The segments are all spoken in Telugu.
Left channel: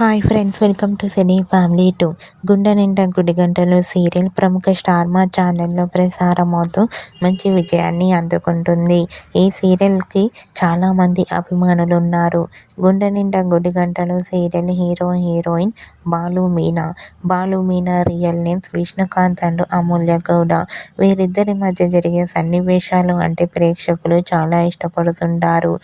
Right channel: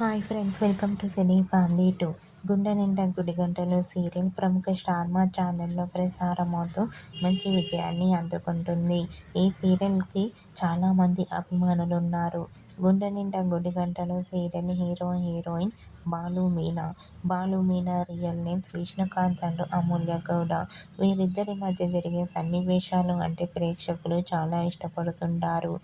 Hi friends, welcome to cine family 2. గుండె నిండా గుడిగంటలు సీరియల్ ప్రముఖ స్టార్ మా ఛానల్లో ప్రసారమవుతూ మంచి విజయాన్ని అందుకుంటుంది. ఈ సీరియల్కి చాలామంది అభిమానులు ఉన్నారు. Gunde Ninda Gudigantalu serial hero heroine Balu Meena real names Vishnukanth and Amulya Gowda. వీరిద్దరి మధ్య జరిగే సన్నివేశాలు అంటే ప్రేక్షకులు చాలా ఇష్టపడుతుంటారు.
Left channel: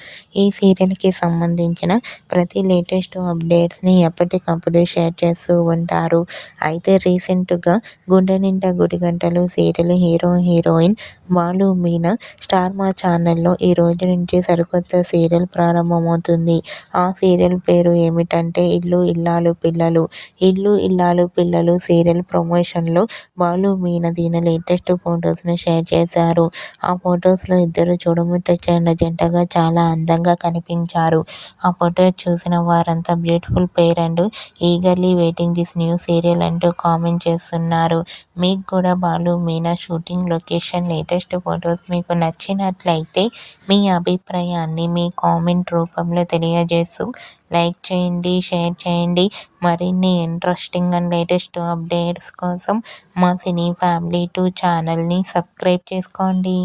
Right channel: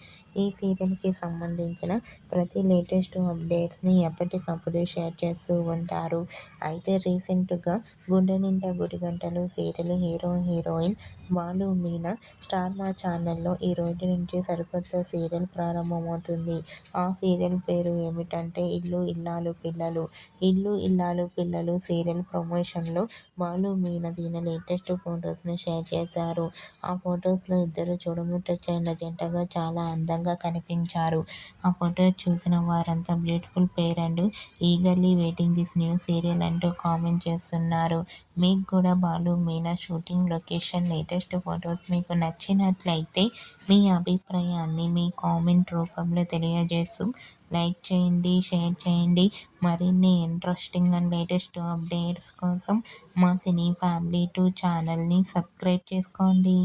ఈ సీరియల్కి సంబంధించిన ప్రతి లేటెస్ట్ అప్డేట్స్ని ఎప్పటికప్పుడు షేర్ చేస్తూ ఉంటారు. అయితే రీసెంట్గా Gunde Ninda Gudigantalu serial hero heroine Balu Meena star Maa ఛానల్లో ఈ రోజు నుంచి సరికొత్త సీరియల్ ప్రారంభమవుతుంది. ఆ సీరియల్ పేరు ఏమిటంటే ఇల్లు ఇల్లాలు పిల్లలు. ఇల్లు ఇల్లాలు పిల్లలు సీరియల్ ప్రమోషన్లో బాలు మీనా దీని లేటెస్ట్ ఫొటోస్ను షేర్ చేశారు. ఆ ఫొటోస్లో ఇద్దరు చూడముచ్చటైన జంటగా చాలా అందంగా కనిపించారు. ఆ ఫొటో చూసిన వారంతా beautiful pair and eagerly waiting this new serial అంటూ కామెంట్ చేస్తున్నారు. మీకు కూడా Balu Meena shooting location latest photos మీకు నచ్చినట్లయితే మీ అభిప్రాయాన్ని మీ కామెంట్ రూపంలో తెలియజేస్తూ లైక్ చేయండి, షేర్ చేయండి. మరిన్ని ఇంట్రెస్టింగ్ అండ్ లేటెస్ట్ అప్డేట్స్ కోసం మా సినీ ఫ్యామిలీ 2 ఛానల్ని సబ్స్క్రైబ్ చేసుకోండి.